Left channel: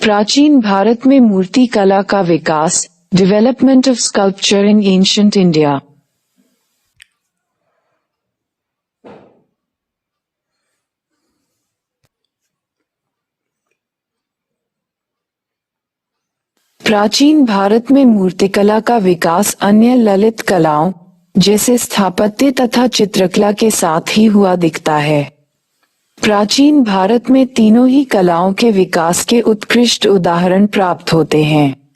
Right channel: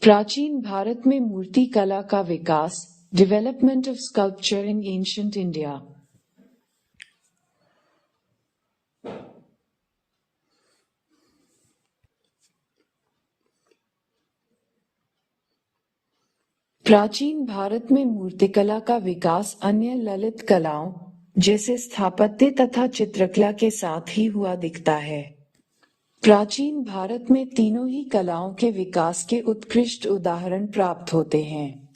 प्राचीन भारत में मूर्ति कला का विकास, development of sculpture in ancient India. प्राचीन भारत में मूर्तिकला का विकास अन्य ललित कलाओं जैसे स्थापत्य तथा चित्रकला के साथ ही हुआ दिखता है। प्राचीन भारत में तीनों ही कलाओं के विकास के उत्कृष्ट उदाहरण प्राप्त होते हैं।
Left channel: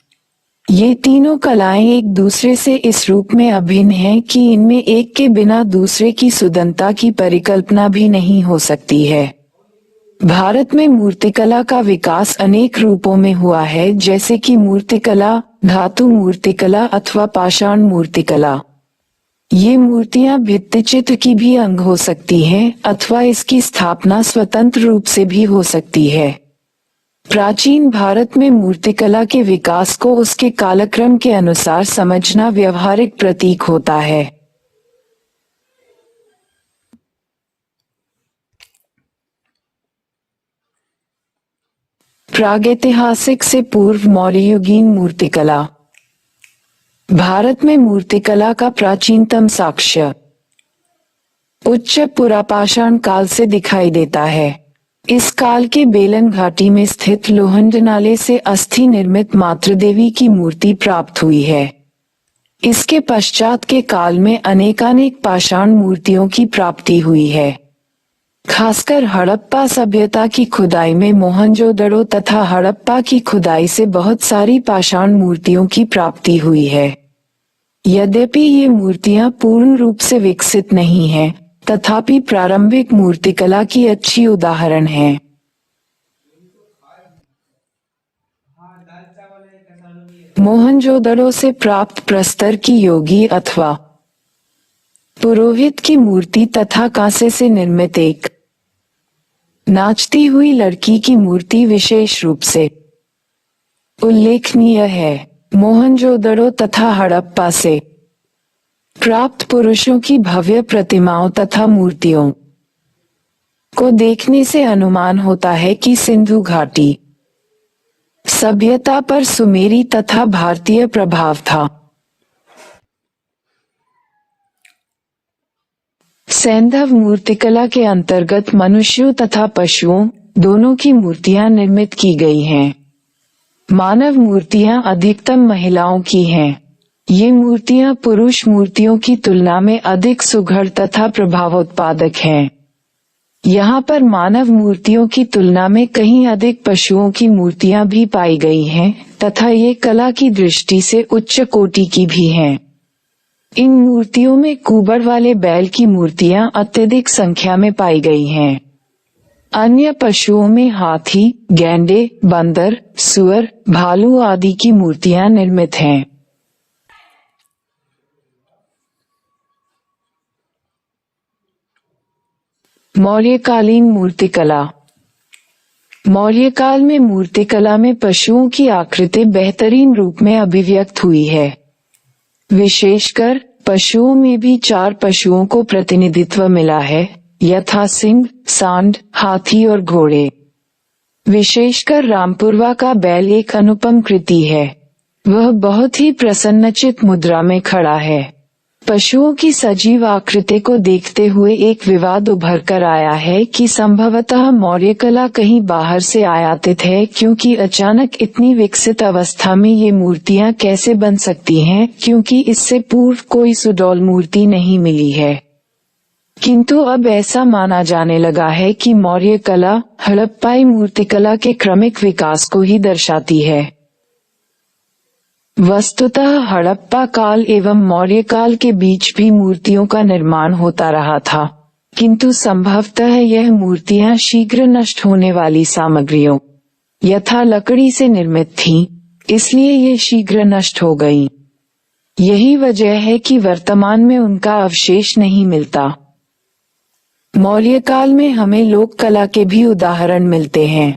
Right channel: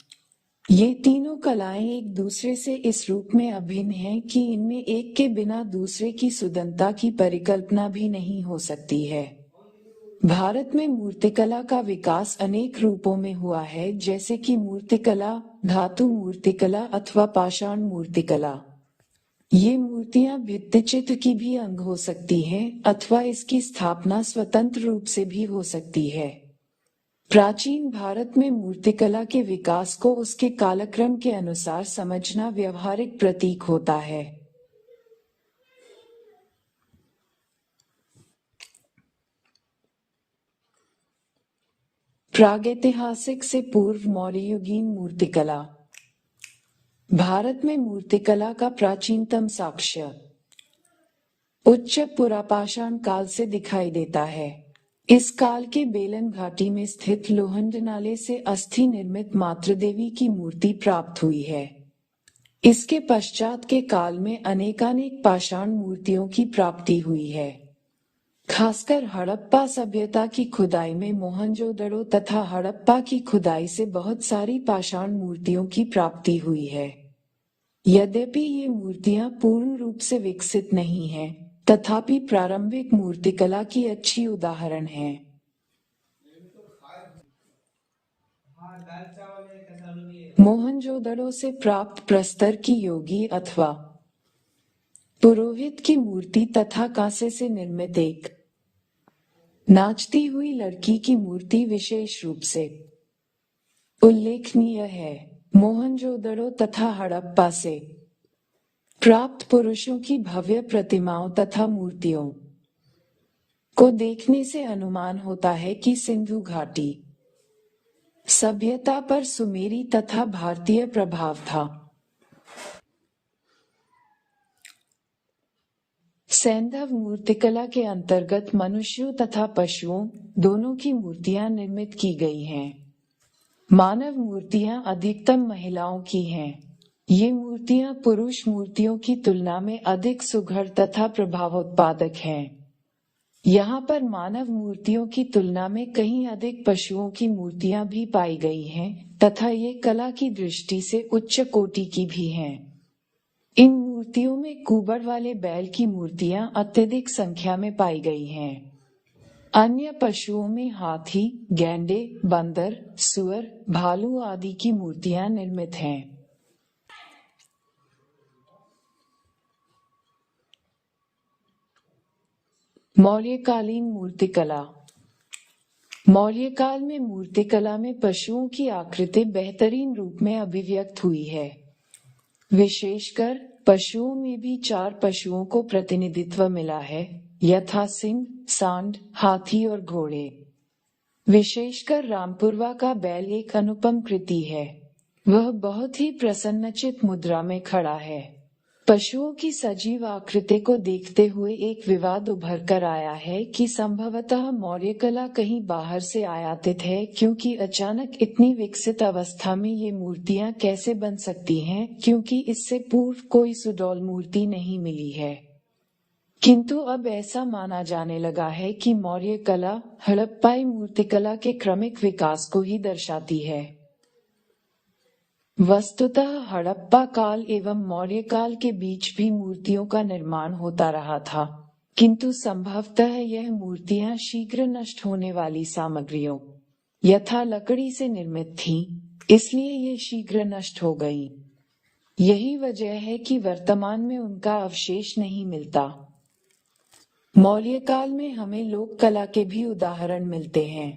ये तीनों कलाएं एक दूसरे से इस रूप में अभिन्न हैं कि इनमें एक के बिना दूसरे की सुदंता की परिकल्पना भी नहीं हो सकती है। भारत में मूर्तिकला का विकास अनेक रूपों में हुआ है, जैसे कि मूर्तिकला, धातु मूर्तिकला अथवा पाषाण मूर्तिकला। ये मूर्तियां भित्तिचित्र की भी अंग हो सकती हैं अथवा इसकी स्थापना स्वतंत्र रूप से भी हो सकती है। प्राचीन भारत में मूर्तिकला के विकास को उसके कालक्रम के अनुसार समझना व्यवहारिक प्रतीक होता है। प्रागैतिहासिक से पूर्व मौर्ययुगीन मूर्तिकला। भारत में मूर्तिकला का प्राचीनतम साक्ष्य उच्च पुरापाषाण काल से दिखाई देता है। इस काल के बेलन घाटी में स्थित लोहंड नाले से अस्थि निर्मित मातृदेवी की मूर्ति प्राप्त हुई है। इसके पश्चात के काल में अनेकानेक पाषाण मूर्तियों की प्राप्ति हुई है। खासकर हड़प्पा सभ्यता की खुदाई में मोहनजोदड़ो तथा हड़प्पा की खुदाई से बहुत सारी पाषाण मूर्तियों की प्राप्ति हुई है। यद्यपि ये मूर्तियां पूर्ण रूप से विकसित नहीं हैं, तथापि प्रारंभिक मूर्तिकला की अच्छी उदाहरण हैं। मोहनजोदड़ो से प्राप्त प्रस्तर की योगी अथवा पुरोहित की मूर्ति तथा कांसे से निर्मित एक नाचती हुई लड़की की मूर्ति विशेष रूप से उल्लेखनीय है। मोहनजोदड़ो तथा हड़प्पा से प्राप्त पुरुषों की भव्य प्रतिमाओं तथा मूर्तियों को देखने से अनुमान होता है कि सिंधु घाटी सभ्यता पर सुमेरी तथा भारतीय प्रभाव था। सैंधव मूर्तिकला के अंतर्गत मनुष्यों तथा पशुओं दोनों की मूर्तियां निर्मित की गई हैं। मानव मूर्तियां अधिकतम महिलाओं की हैं। ये मूर्तियां पुरुष मूर्तियों की तुलना में अधिक सुघड़ तथा प्रभावोत्पादक हैं। यहाँ पर मानव मूर्तियों की तुलना में कहीं अधिक पशुओं की मूर्तियां भी पाई गई हैं तथा ये कला की दृष्टि से उच्च कोटि की भी हैं। इन मूर्तियों में कुबड़ वाले बैल की मूर्तियां अत्यधिक संख्या में पाई गई हैं। अन्य पशुओं में हाथी, गैंडे, बंदर, सुअर, भालू आदि की मूर्तियां निर्मित हैं। मौर्यकालीन मूर्तिकला। मौर्यकाल में मूर्तिकला में पशुओं की आकृति बेहतरीन रूप में अभिव्यक्त हुई है। विशेषकर पशुओं में भी 4 पशुओं को प्रतिनिधित्व मिला है, यथा सिंह, सांड, हाथी और घोड़े। विशेषकर रामपुरवा का बैल एक अनुपम कृति है। वह बहुत ही प्रसन्नचित मुद्रा में खड़ा है। पशुओं की सजीव आकृति को देखते हुए एक विवाद उभर कर आया है कि संभवतः मौर्य कला कहीं बाहर से आयातित है, क्योंकि अचानक इतनी विकसित अवस्था में ये मूर्तियां कैसे बन सकती हैं, क्योंकि इससे पूर्व कोई सुडौल मूर्ति नहीं मिली है। किंतु अब ऐसा माना जाने लगा है कि मौर्य कला हड़प्पाई मूर्तिकला के क्रमिक विकास को ही दर्शाती है। वस्तुतः हड़प्पा काल एवं मौर्य काल के बीच भी मूर्तियों का निर्माण होता रहा था, किंतु संभवतः यह मूर्तियां शीघ्र नष्ट होने वाली सामग्रियों यथा लकड़ी से निर्मित थीं, इसलिए ये शीघ्र नष्ट हो गईं। यही वजह है कि वर्तमान में उनका अवशेष नहीं मिलता। मौर्य काल में हमें लोक कला के भी उदाहरण मिलते हैं।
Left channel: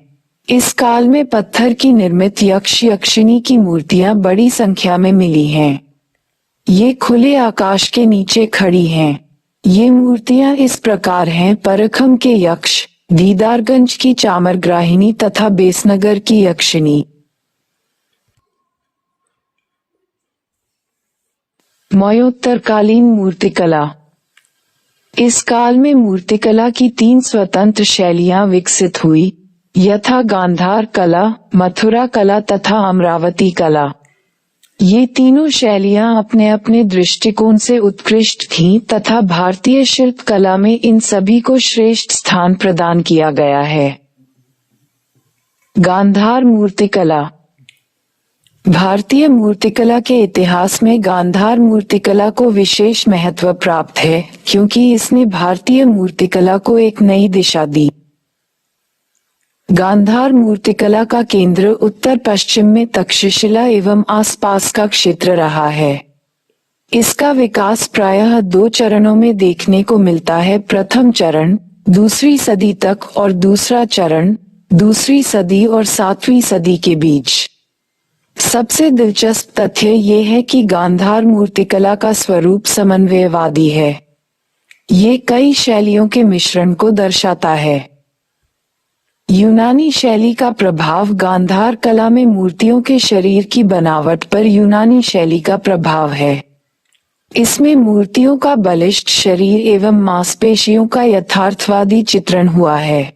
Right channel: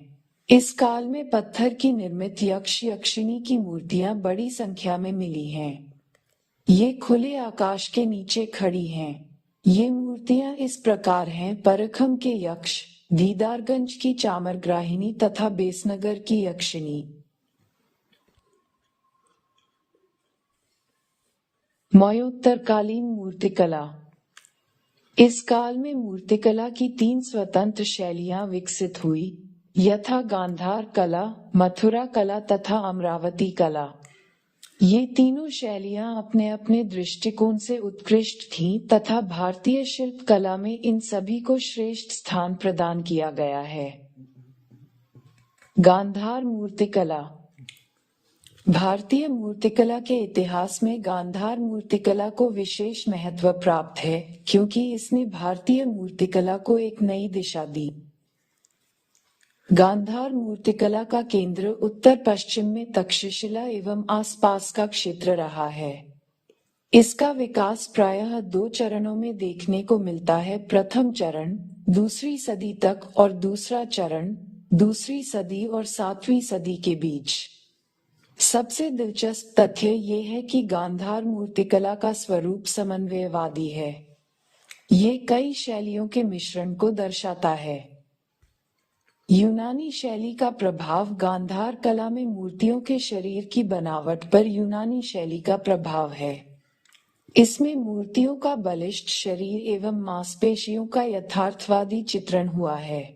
इस काल में पत्थर की निर्मित यक्ष यक्षिणी की मूर्तियां बड़ी संख्या में मिली हैं। ये खुले आकाश के नीचे खड़ी हैं। ये मूर्तियां इस प्रकार हैं: परखम के यक्ष, दीदारगंज की चामरग्राहिनी तथा बेसनगर की यक्षिणी। मौर्योत्तरकालीन मूर्तिकला। इस काल में मूर्तिकला की 3 स्वतंत्र शैलियां विकसित हुई, यथा गांधार कला, मथुरा कला तथा अमरावती कला। ये तीनों शैलियां अपने अपने दृष्टिकोण से उत्कृष्ट थीं तथा भारतीय शिल्प कला में इन सभी को श्रेष्ठ स्थान प्रदान किया गया है। गांधार मूर्तिकला। भारतीय मूर्तिकला के इतिहास में गांधार मूर्तिकला को विशेष महत्व प्राप्त है, क्योंकि इसने भारतीय मूर्तिकला को एक नई दिशा दी। गांधार मूर्तिकला का केंद्र उत्तर पश्चिम में तक्षशिला एवं आसपास का क्षेत्र रहा है। इसका विकास प्रायः 2 चरणों में देखने को मिलता है। प्रथम चरण 2वीं सदी तक और दूसरा चरण 2वीं सदी और 7वीं सदी के बीच। सबसे दिलचस्प तथ्य ये है कि गांधार मूर्तिकला का स्वरूप समन्वयवादी है। ये कई शैलियों के मिश्रण को दर्शाता है। यूनानी शैली का प्रभाव। गांधार कला में मूर्तियों के शरीर की बनावट पर यूनानी शैली का प्रभाव है। इसमें मूर्तियों का बलिष्ठ शरीर एवं मांसपेशियों का यथार्थवादी चित्रण हुआ है।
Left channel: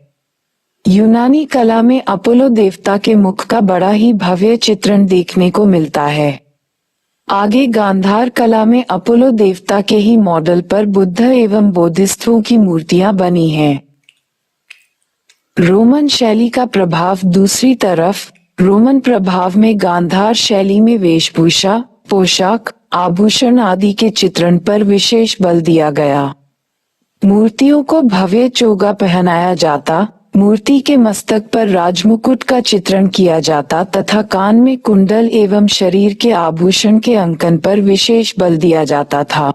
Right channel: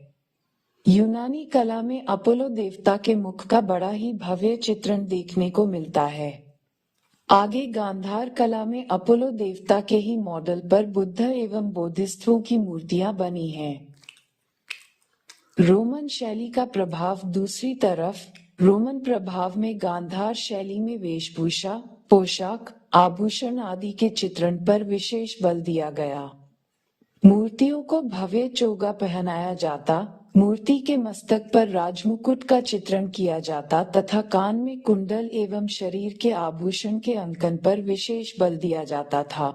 यूनानी कला में अपोलो देवता के मुख का बड़ा ही भव्य चित्रण देखने को मिलता है। आगे गांधार कला में अपोलो देवता के ही मॉडल पर बुद्ध एवं बोधिसत्वों की मूर्तियां बनी हैं। रोमन शैली का प्रभाव। दूसरी तरफ रोमन प्रभाव में गांधार शैली में वेशभूषा, पोशाक, आभूषण आदि के चित्रण पर विशेष बल दिया गया। मूर्तियों को भव्य चोगा पहनाया जाता, मूर्ति के मस्तक पर राजमुकुट का चित्रण किया जाता तथा कान में कुंडल एवं शरीर के आभूषण के अंकन पर विशेष बल दिया जाता था।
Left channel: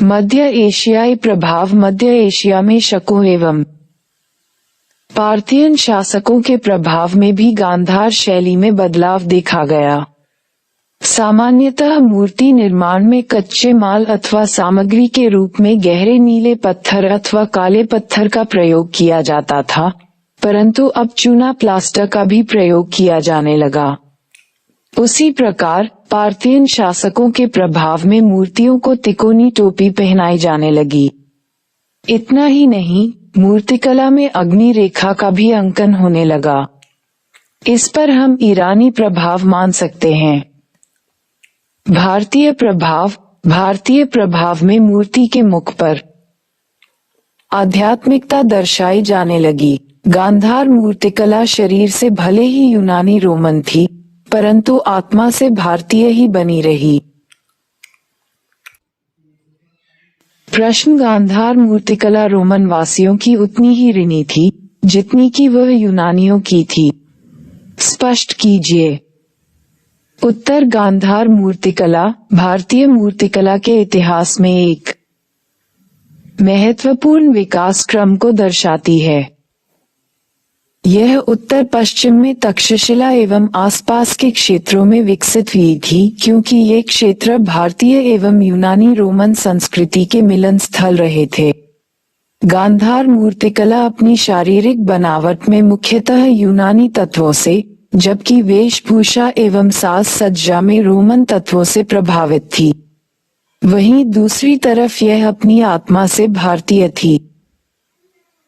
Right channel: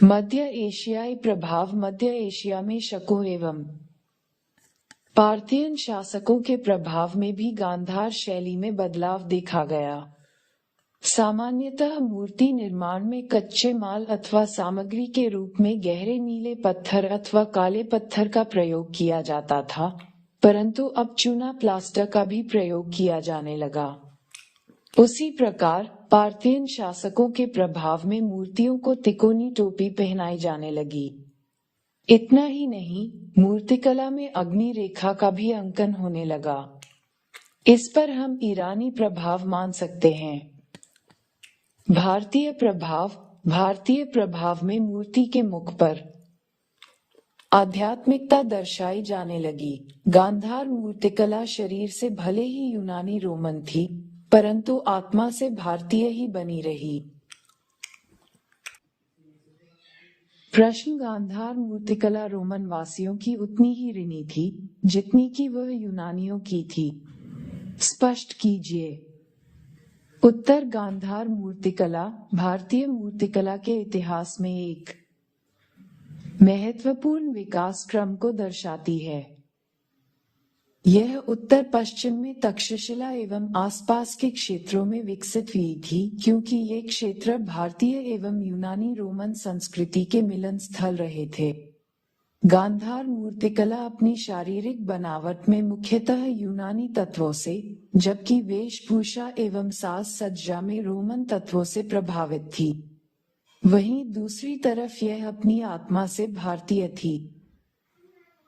मध्य एशियाई प्रभाव। मध्य एशिया में शकों एवं पार्थियन शासकों के प्रभाव में भी गांधार शैली में बदलाव देखा गया। सामान्यतः मूर्ति निर्माण में कच्चे माल अथवा सामग्री के रूप में गहरे नीले पत्थर अथवा काले पत्थर का प्रयोग किया जाता था, परंतु अब चूना प्लास्टर का भी प्रयोग किया जाने लगा। उसी प्रकार पार्थियन शासकों के प्रभाव में मूर्तियों को तिकोनी टोपी पहनाई जाने लगी। इतना ही नहीं, मूर्तिकला में अग्नि रेखा का भी अंकन होने लगा। इस पर हम ईरानी प्रभाव मान सकते हैं। भारतीय प्रभाव। भारतीय प्रभाव में मूर्ति के मुख पर आध्यात्मिकता दर्शाई जाने लगी। गांधार मूर्तिकला शरीर से भले ही यूनानी रोमन थी, परंतु आत्मा से भारतीय ही बनी रही। प्रश्न। गांधार मूर्तिकला रोमन वासियों की उतनी ही ऋणी थी जितनी कि वह यूनानियों की थी? स्पष्ट कीजिए। उत्तर। गांधार मूर्तिकला भारतीय मूर्तिकला के इतिहास में एक महत्वपूर्ण विकास क्रम को दर्शाती है। यह उत्तर पश्चिम में तक्षशिला एवं आसपास के क्षेत्रों में विकसित हुई थी, क्योंकि ये क्षेत्र भारतीय एवं यूनानी रोमन संस्कृति के मिलन स्थल रहे थे। गांधार मूर्तिकला अपनी शारीरिक बनावट में मुख्यतः यूनानी तत्वों से, जबकि वेशभूषा एवं साज सज्जा में रोमन तत्वों से प्रभावित थी। वहीं दूसरी तरफ यह अपनी आत्मा से भारतीय थी।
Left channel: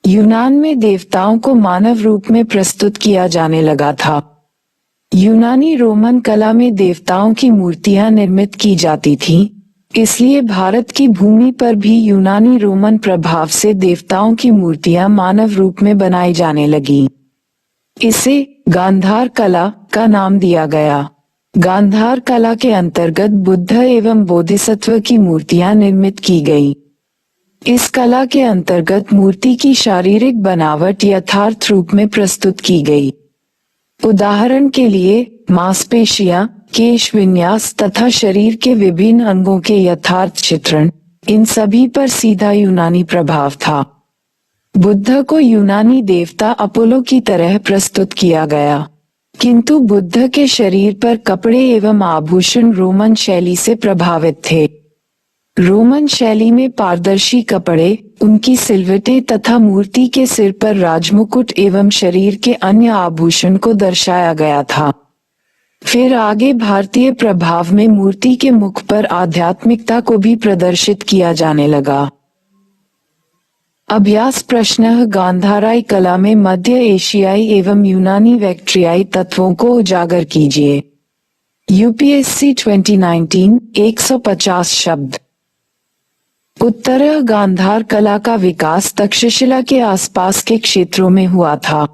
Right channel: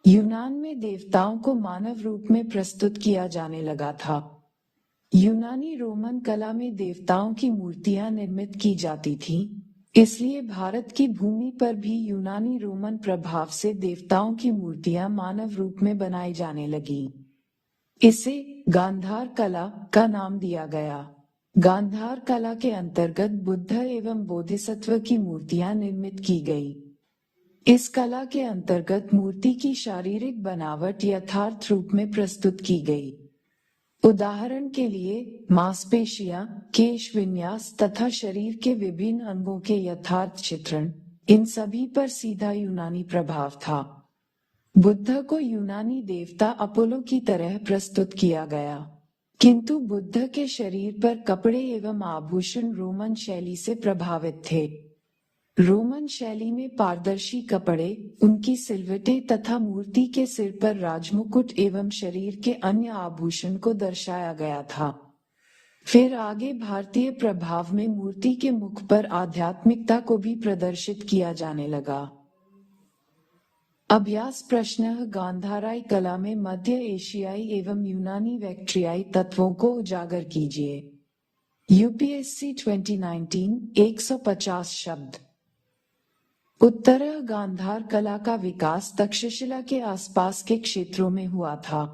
यूनान में देवताओं को मानव रूप में प्रस्तुत किया जाने लगा था। यूनानी रोमन कला में देवताओं की मूर्तियां निर्मित की जाती थीं, इसलिए भारत की भूमि पर भी यूनानी रोमन प्रभाव से देवताओं की मूर्तियां मानव रूप में बनाई जाने लगीं। इसे गांधार कला का नाम दिया गया। गांधार कला के अंतर्गत बुद्ध एवं बोधिसत्व की मूर्तियां निर्मित की गईं। इस कला के अंतर्गत मूर्ति की शारीरिक बनावट यथार्थ रूप में प्रस्तुत की गई। उदाहरण के लिए मांसपेशियां, केश विन्यास तथा शरीर के विभिन्न अंगों के यथार्थ चित्रण, इन सभी पर सीधा यूनानी प्रभाव था। बुद्ध को यूनानी देवता अपोलो की तरह प्रस्तुत किया गया, किंतु बुद्ध के शरीर पर कपड़े एवं आभूषण रोमन शैली से प्रभावित थे। रोमन शैली में पारदर्शी कपड़े, उनकी सिलवटें तथा मूर्ति के सिर पर राजमुकुट एवं शरीर के अन्य आभूषण को दर्शाया गया था। फिर आगे भारतीय प्रभाव में मूर्ति के मुख पर आध्यात्मिकता को भी प्रदर्शित किया जाने लगा। अभ्यास प्रश्न: गांधाराई कला में मध्य एशियाई एवं यूनानी वैक्ट्रियाई तत्वों को उजागर कीजिए। यूपीएससी 2019 150 शब्द। उत्तर: गांधार कला का विकास तक्षशिला के आसपास के क्षेत्रों में हुआ था।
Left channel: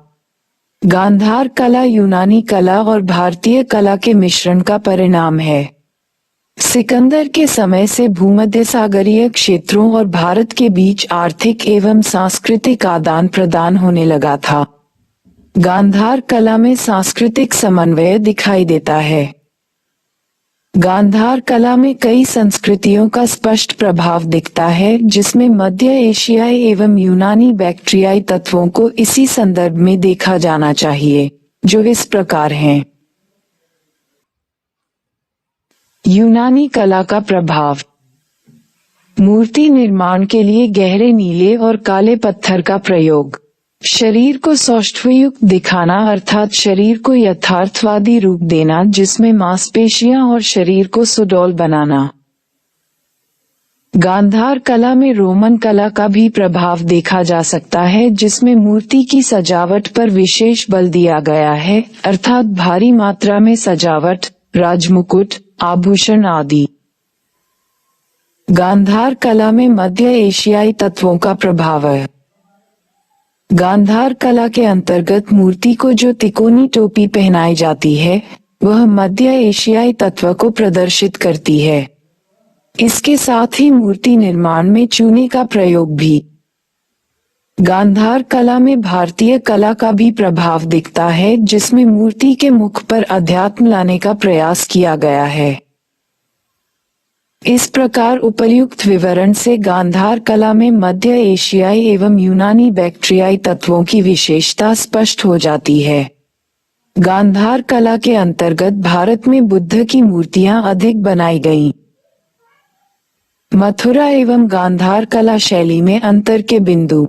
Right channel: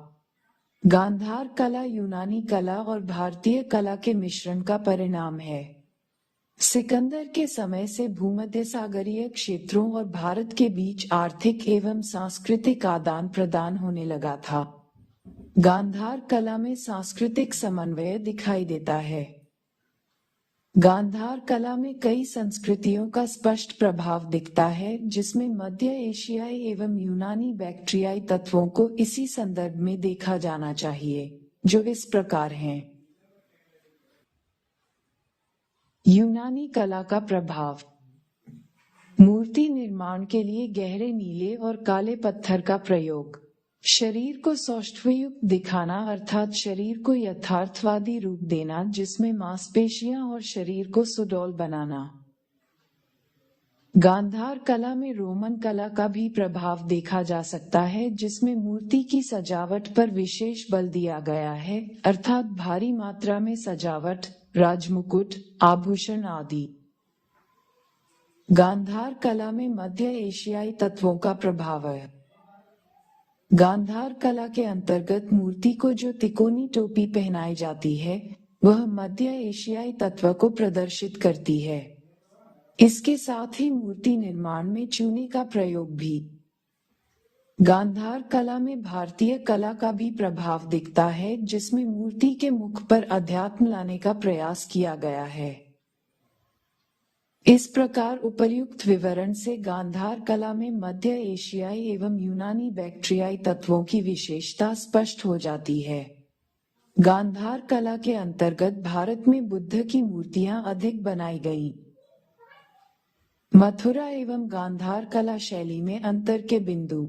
गांधार कला यूनानी कला और भारतीय कला के मिश्रण का परिणाम है। सिकंदर के समय से भूमध्य सागरीय क्षेत्रों और भारत के बीच आर्थिक एवं सांस्कृतिक आदान प्रदान होने लगा था। गांधार कला में सांस्कृतिक समन्वय दिखाई देता है। गांधार कला में कई संस्कृतियों का स्पष्ट प्रभाव दिखता है, जिसमें मध्य एशियाई एवं यूनानी बैक्ट्रियाई तत्वों को इसी संदर्भ में देखा जाना चाहिए, जो इस प्रकार हैं। यूनानी कला का प्रभाव: मूर्ति निर्माण के लिए गहरे नीले और काले पत्थर का प्रयोग, शरीर को सौष्ठवयुक्त दिखाना अर्थात शरीर को यथार्थवादी रूप देना जिसमें मांसपेशियां और शरीर को सुडौल बनाना। गांधार कला में रोमन कला का भी प्रभाव देखा जा सकता है, जिसमें मूर्ति की सजावट पर विशेष बल दिया गया है, अर्थात भारी मात्रा में सजावट, राजमुकुट, आभूषण आदि। गांधार कला में मध्य एशियाई तत्वों का प्रभाव है। गांधार कला के अंतर्गत मूर्ति को जो तिकोनी टोपी पहनाई जाती है, वह मध्य एशियाई तत्व को प्रदर्शित करती है। इसके साथ ही मूर्ति निर्माण में चूने का प्रयोग भी। गांधार कला में भारतीय कला का भी प्रभाव दिखता है, जिसमें मूर्ति के मुख पर अध्यात्म लाने का प्रयास किया गया है। इस प्रकार उपर्युक्त विवरण से गांधार कला में मध्य एशियाई एवं यूनानी बैक्ट्रियाई तत्वों की विशेषता स्पष्ट हो जाती है। गांधार कला के अंतर्गत भारत में बुद्ध की मूर्तियां अधिक बनाई गईं। मथुरा एवं गांधार कला शैली में अंतर के बिंदु:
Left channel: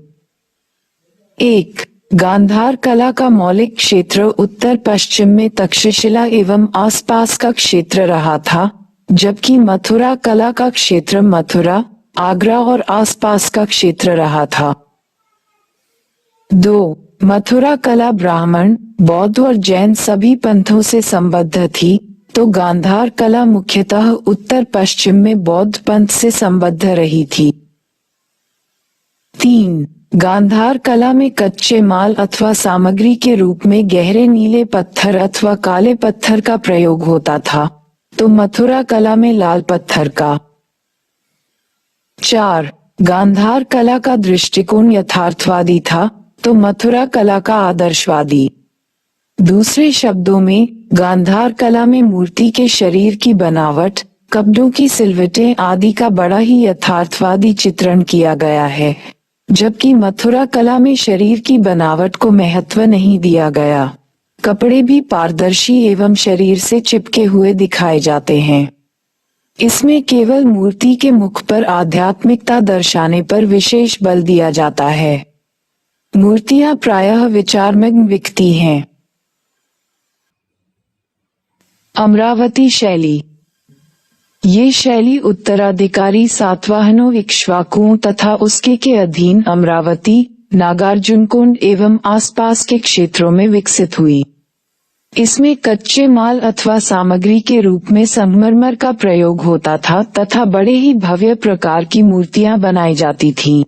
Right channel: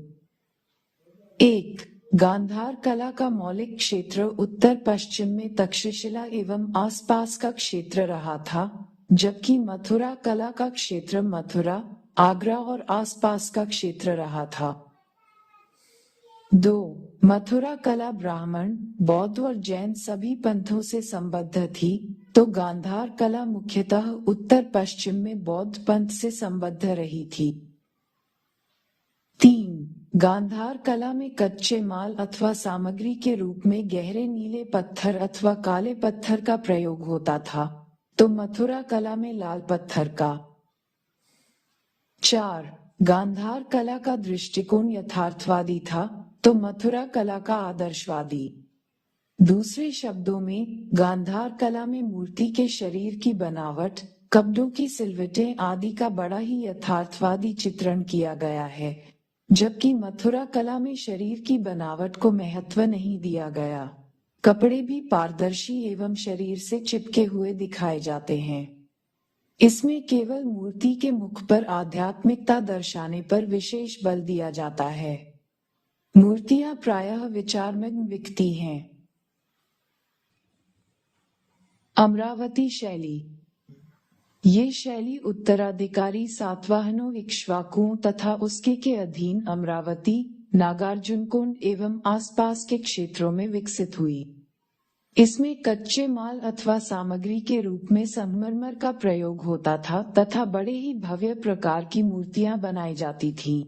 1. गांधार कला का मौलिक क्षेत्र उत्तर पश्चिम में तक्षशिला एवं आसपास का क्षेत्र रहा था, जबकि मथुरा कला का क्षेत्र मथुरा, आगरा और आसपास का क्षेत्र रहा था। 2. मथुरा कला ब्राह्मण, बौद्ध और जैन सभी पंथों से संबद्ध थी, तो गांधार कला मुख्यतः उत्तर पश्चिम में बौद्ध पंथ से संबद्ध रही थी। 3. गांधार कला में कच्चे माल अथवा सामग्री के रूप में गहरे नीले पत्थर अथवा काले पत्थर का प्रयोग होता था, तो मथुरा कला में लाल पत्थर का। 4. गांधार कला का दृष्टिकोण यथार्थवादी था, तो मथुरा कला का आदर्शवादी। दूसरे शब्दों में, गांधार कला में मूर्ति के शरीर की बनावट, कपड़ों की सिलवटें आदि का बड़ा ही यथार्थवादी चित्रण किया गया है, जबकि मथुरा कला में शरीर की बनावट को महत्व नहीं दिया गया। कपड़े भी पारदर्शी एवं शरीर से चिपके हुए दिखाए जाते हैं। इसमें केवल मूर्ति के मुख पर आध्यात्मिकता दर्शाने पर विशेष बल दिया जाता है। मूर्तियां प्रायः विचारमग्न दिखती हैं। अमरावती शैली: ये शैली उत्तराधिकारी सातवाहनों इक्ष्वाकुओं तथा उसके के अधीन अमरावती, नागार्जुनकोंड एवं आसपास के क्षेत्रों में विकसित हुई। इसमें कच्चे माल अथवा सामग्री के रूप में संगमरमर का प्रयोग होता था तथा बड़े ही भव्य प्रकार की मूर्तियां बनाई जाती थीं।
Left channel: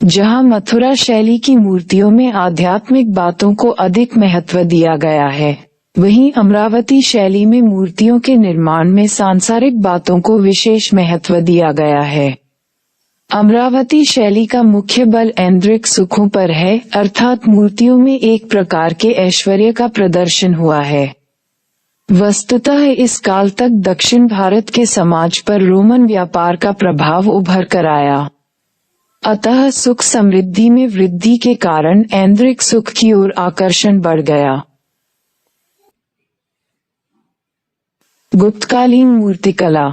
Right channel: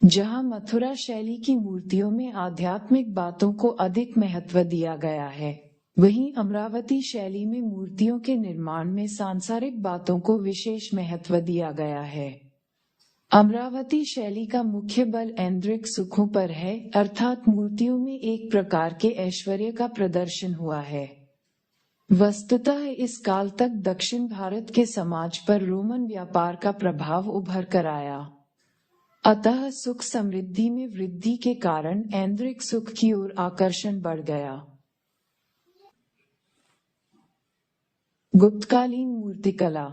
जहां मथुरा शैली की मूर्तियों में आध्यात्मिक बातों को अधिक महत्व दिया गया है, वहीं अमरावती शैली में मूर्तियों के निर्माण में सांसारिक बातों को विशेष महत्व दिया गया है। अमरावती शैली का मुख्य बल ऐन्द्रिक सुखों पर है, अर्थात मूर्तियों में एक प्रकार के ऐश्वर्य का प्रदर्शन हुआ है। वस्तुतः इस काल तक दक्षिण भारत के समाज पर रोमन व्यापार का प्रभाव उभर कर आया। अतः सुख समृद्धि में वृद्धि के कारण ऐन्द्रिक सुख की ओर आकर्षण बढ़ गया। गुप्तकालीन मूर्तिकला:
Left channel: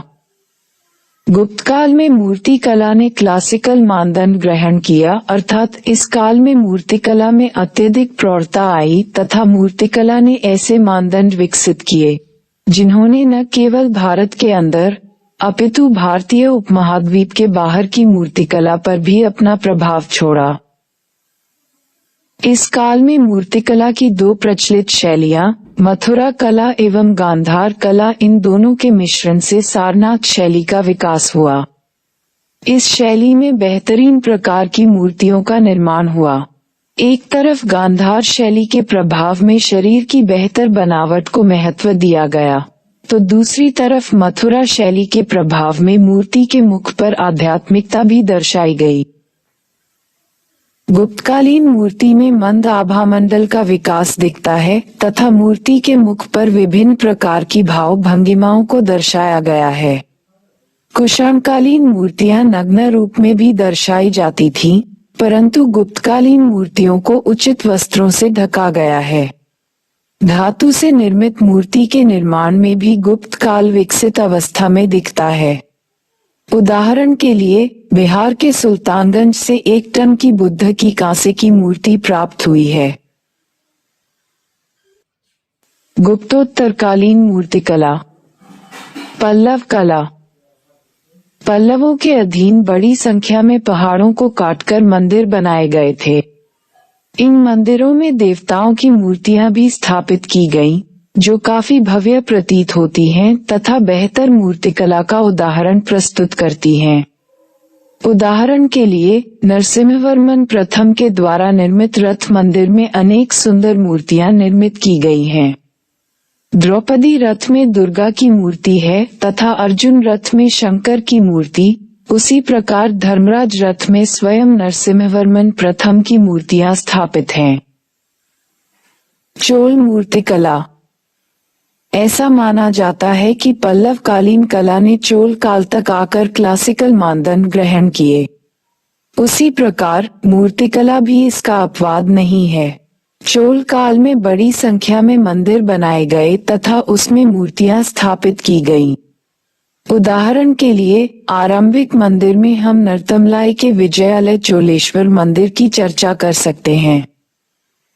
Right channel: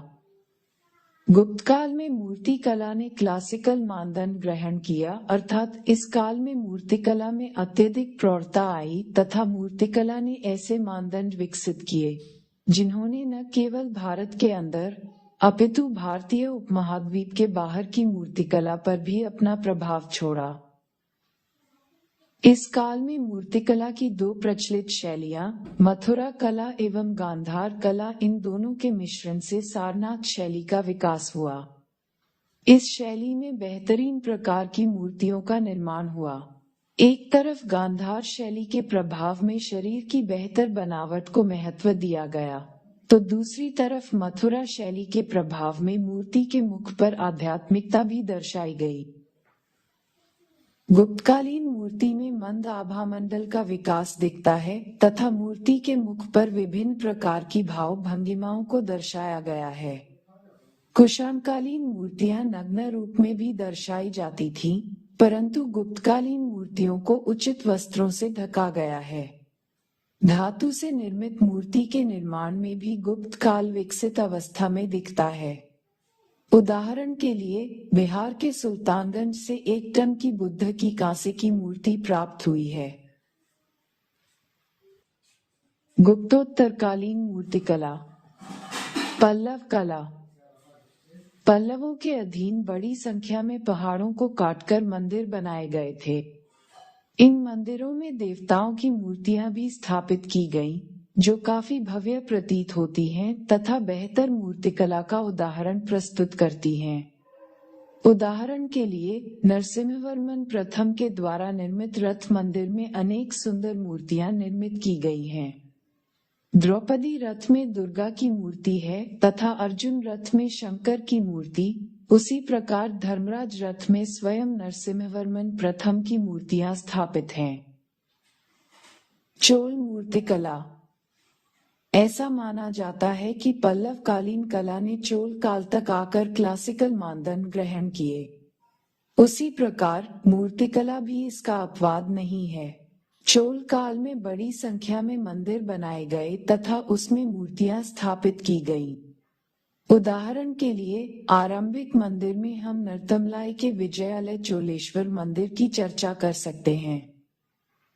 गुप्त काल में मूर्ति कला ने क्लासिकल मानदंड ग्रहण किया, अर्थात इस काल में मूर्तिकला में अत्यधिक प्रौढ़ता आई तथा मूर्तिकला ने ऐसे मानदंड विकसित किए जिन्होंने न केवल भारत के अंदर अपितु भारतीय उपमहाद्वीप के बाहर की मूर्तिकला पर भी अपना प्रभाव छोड़ा। इस काल में मूर्तिकला की दो प्रचलित शैलियां, मथुरा कला एवं गांधार कला, इन दोनों के मिश्रण से सारनाथ शैली का विकास हुआ। इस शैली में बेहतरीन प्रकार की मूर्तियों का निर्माण हुआ। एक तरफ गांधार शैली के प्रभाव में शरीर की बेहतर बनावट को महत्व दिया गया, तो दूसरी तरफ मथुरा शैली के प्रभाव में मूर्ति के मुख पर आध्यात्मिकता भी दर्शाई गई। गुप्तकालीन मूर्ति में मंद आभामंडल का विकास दिखता है तथा मूर्ति के मुख पर विभिन्न प्रकार की भाव भंगिमाओं को दर्शाया गया है। कुषाणकालीन मूर्तियां नग्न रूप में भी दर्शाई जाती थीं, परंतु गुप्तकालीन मूर्तियों को उचित वस्त्रों से ढका गया है। धातु से निर्मित मूर्ति के निर्माण में भी गुप्त काल विकसित अवस्था में दिखता है। उदाहरण के लिए बिहार के सुल्तानगंज से 1 टन की बुद्ध की कांसे की मूर्ति प्राप्त हुई है। गुप्तोत्तरकालीन मूर्तिकला। पल्लव कला। पल्लवों के अधीन बड़ी संख्या में पहाड़ों को काटकर मंदिर बनाए गए थे। इन मंदिरों में देवताओं की मूर्तियां भी स्थापित की गईं, जो काफी भव्य प्रतीत होती हैं तथा बेहतर मूर्तिकला का उदाहरण प्रस्तुत करती हैं। उदाहरण के लिए नरसिंहवर्मन प्रथम के द्वारा निर्मित रथ मंदिर में अनेक सुंदर मूर्तियां निर्मित की गई हैं। द्रौपदी रथ में दुर्गा की मूर्ति है तथा अर्जुन रथ में शंकर की मूर्ति, उसी प्रकार धर्मराज रथ में स्वयं नरसिंहवर्मन प्रथम की मूर्तियां स्थापित हैं। चोल मूर्तिकला। ऐसा माना जाता है कि पल्लव कालीन कला ने चोल काल तक आकर क्लासिकल मानदंड ग्रहण किए। उसी प्रकार मूर्तिकला भी इसका अपवाद नहीं है। चोल काल में बड़ी संख्या में मंदिर बनाए गए तथा उसमें मूर्तियां स्थापित की गईं। उदाहरण के लिए आरंभिक मंदिर में हम नरतमलाई के विजयालय चोलेश्वर मंदिर की चर्चा कर सकते हैं।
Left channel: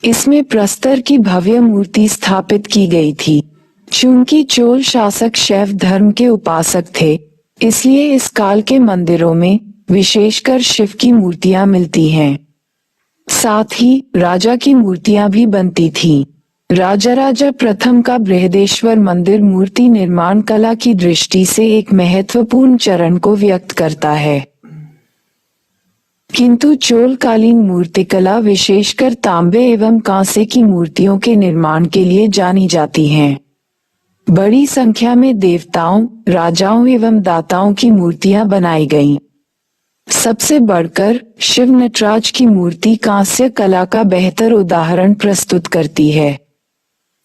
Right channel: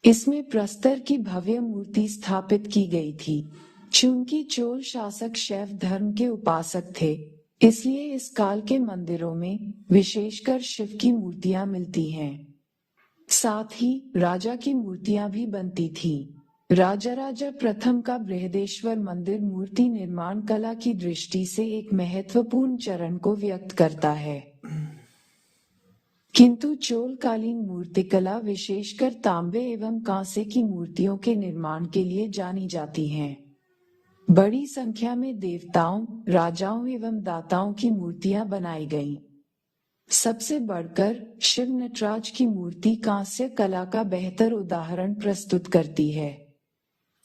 इसमें प्रस्तर की भव्य मूर्ति स्थापित की गई थी। चूंकि चोल शासक शैव धर्म के उपासक थे, इसलिए इस काल के मंदिरों में विशेषकर शिव की मूर्तियां मिलती हैं। साथ ही राजा की मूर्तियां भी बनती थीं। राजा प्रथम का बृहदेश्वर मंदिर मूर्ति निर्माण कला की दृष्टि से एक महत्वपूर्ण चरण को व्यक्त करता है। किंतु चोलकालीन मूर्तिकला विशेषकर तांबे एवं कांसे की मूर्तियों के निर्माण के लिए जानी जाती हैं। बड़ी संख्या में देवताओं, राजाओं एवं दाताओं की मूर्तियां बनाई गईं। सबसे बढ़कर शिव नटराज की मूर्ति कांस्य कला का बेहतर उदाहरण प्रस्तुत करती है।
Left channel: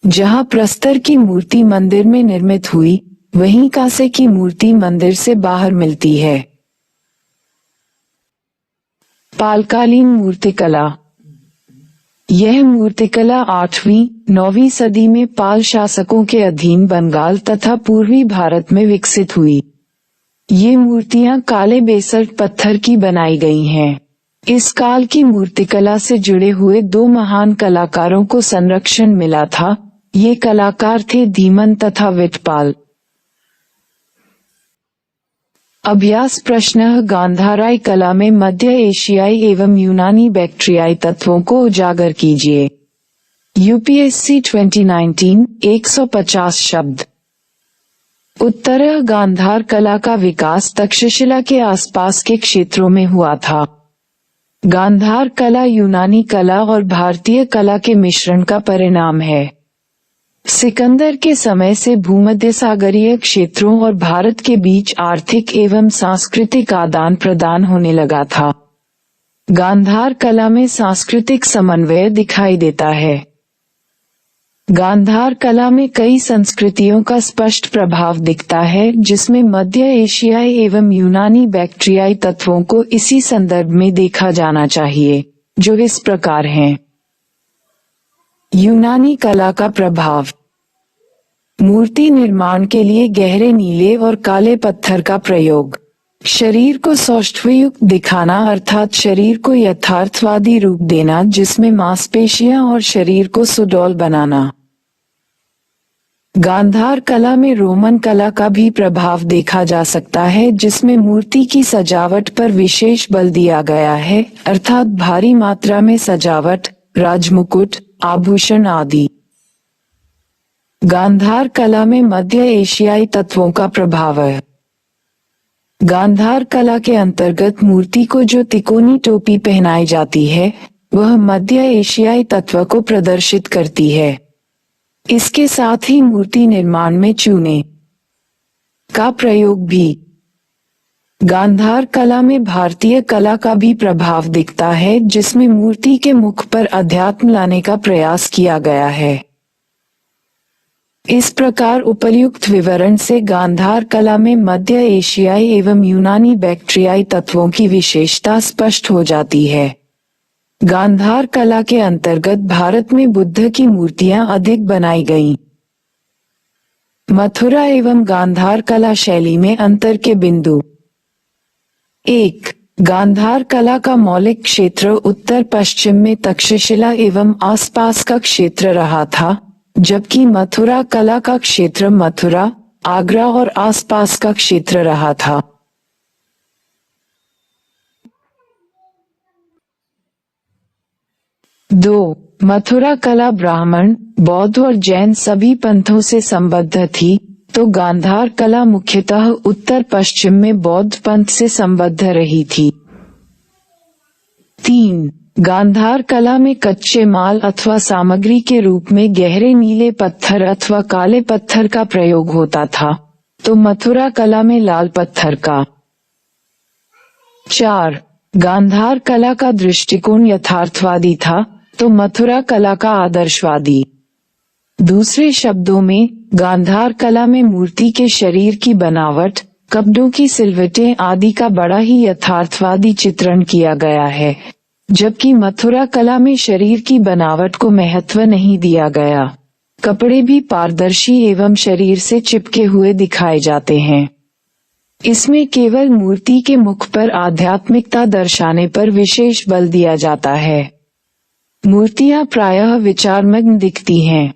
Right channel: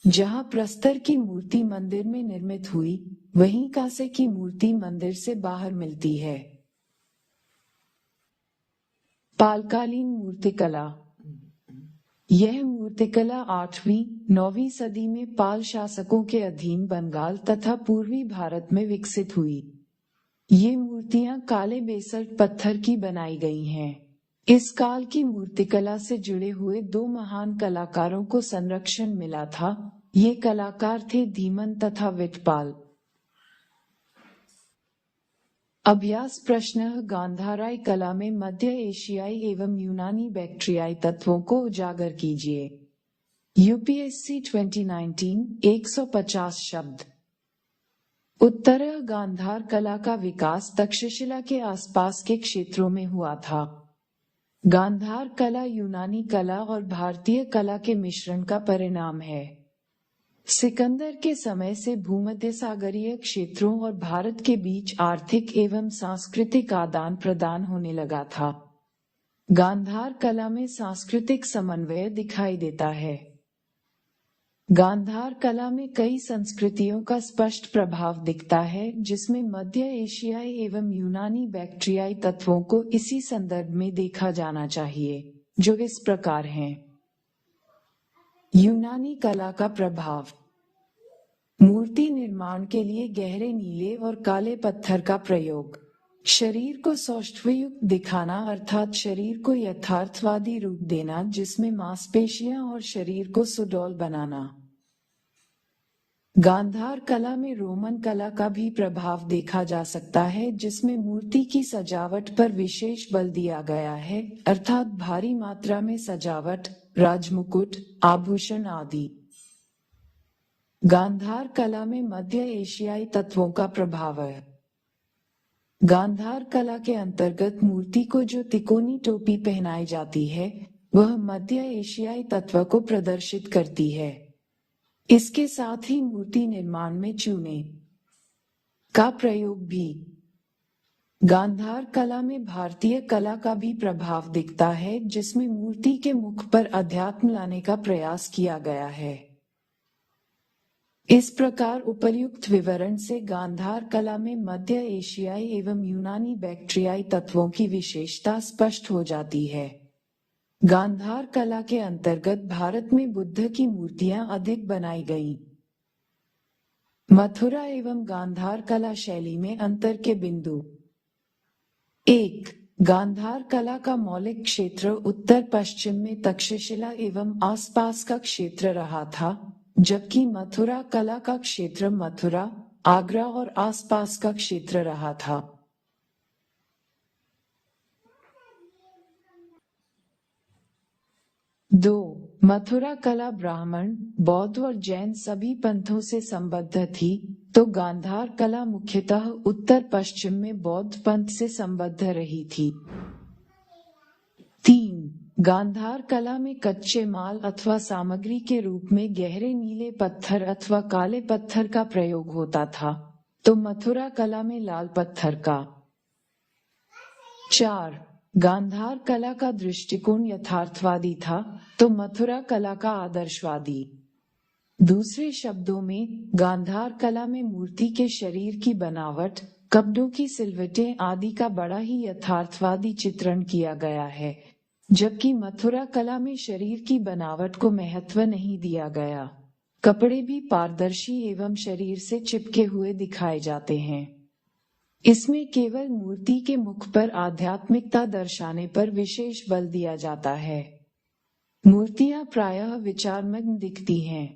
जहां प्रस्तर की मूर्ति मंदिर में निर्मित हुई, वहीं कांसे की मूर्ति मंदिर से बाहर मिलती है। पालकालीन मूर्तिकला। यह मूर्तिकला 8वीं 9वीं सदी में पाल शासकों के अधीन बंगाल तथा पूर्वी भारत में विकसित हुई। ये मूर्तियां काले बेसल्ट पत्थर की बनाई गई हैं। इस काल की मूर्तिकला से जुड़े हुए 2 महान कलाकारों को संरक्षण मिला था। ये कलाकार थे धीमन तथा विटपाल। अभ्यास प्रश्न। गांधाराई कला में मध्य एशियाई एवं यूनानी बैक्ट्रियाई तत्वों को उजागर कीजिए। यूपीएससी 2019 150 शब्द। उत्तर गांधार कला का विकास तक्षशिला के आसपास के क्षेत्रों में हुआ था। गांधार कला यूनानी कला और भारतीय कला के मिश्रण का परिणाम है। सिकंदर के समय से भूमध्य सागरीय क्षेत्रों और भारत के बीच आर्थिक एवं सांस्कृतिक आदान प्रदान होने लगा था। गांधार कला में सांस्कृतिक समन्वय दिखाई देता है। गांधार कला में कई संस्कृतियों का स्पष्ट प्रभाव दिखता है, जिसमें मध्य एशियाई एवं यूनानी बैक्ट्रियाई तत्वों को इसी संदर्भ में देखा जाना चाहिए, जो इस प्रकार हैं। यूनानी कला का प्रभाव। मूर्ति निर्माण के लिए गहरे नीले और काले पत्थर का प्रयोग। शरीर को सौष्ठवयुक्त दिखाना अर्थात शरीर को यथार्थवादी रूप देना जिसमें मांसपेशियां और शरीर को सुडौल बनाना। गांधार कला में रोमन कला का भी प्रभाव देखा जा सकता है जिसमें मूर्ति की सजावट पर विशेष बल दिया गया है अर्थात भारी मात्रा में सजावट, राजमुकुट, आभूषण आदि। गांधार कला में मध्य एशियाई तत्वों का प्रभाव है। गांधार कला के अंतर्गत मूर्ति को जो तिकोनी टोपी पहनाई जाती है वह मध्य एशियाई तत्व को प्रदर्शित करती है। इसके साथ ही मूर्ति निर्माण में चूने का प्रयोग भी। गांधार कला में भारतीय कला का भी प्रभाव दिखता है जिसमें मूर्ति के मुख पर अध्यात्म लाने का प्रयास किया गया है। इस प्रकार उपर्युक्त विवरण से गांधार कला में मध्य एशियाई एवं यूनानी बैक्ट्रियाई तत्वों की विशेषता स्पष्ट हो जाती है। गांधार कला के अंतर्गत भारत में बुद्ध की मूर्तियां अधिक बनाई गईं। मथुरा एवं गांधार कला शैली में अंतर के बिंदु। 1. गांधार कला का मौलिक क्षेत्र उत्तर पश्चिम में तक्षशिला एवं आसपास का क्षेत्र रहा था, जबकि मथुरा कला का क्षेत्र मथुरा, आगरा और आसपास का क्षेत्र रहा था। 2. मथुरा कला ब्राह्मण, बौद्ध और जैन सभी पंथों से संबद्ध थी, तो गांधार कला मुख्यतः उत्तर पश्चिम में बौद्ध पंथ से संबद्ध रही थी। 3. गांधार कला में कच्चे माल अथवा सामग्री के रूप में गहरे नीले पत्थर अथवा काले पत्थर का प्रयोग होता था, तो मथुरा कला में लाल पत्थर का। 4. गांधार कला का दृष्टिकोण यथार्थवादी था, तो मथुरा कला का आदर्शवादी। दूसरे शब्दों में गांधार कला में मूर्ति के शरीर की बनावट, कपड़ों की सिलवटें आदि का बड़ा ही यथार्थवादी चित्रण किया गया है, जबकि मथुरा कला में शरीर की बनावट को महत्व नहीं दिया गया। कपड़े भी पारदर्शी एवं शरीर से चिपके हुए दिखाए जाते हैं। इसमें केवल मूर्ति के मुख पर आध्यात्मिकता दर्शाने पर विशेष बल दिया जाता है। मूर्तियां प्रायः विचारमग्न दिखती हैं।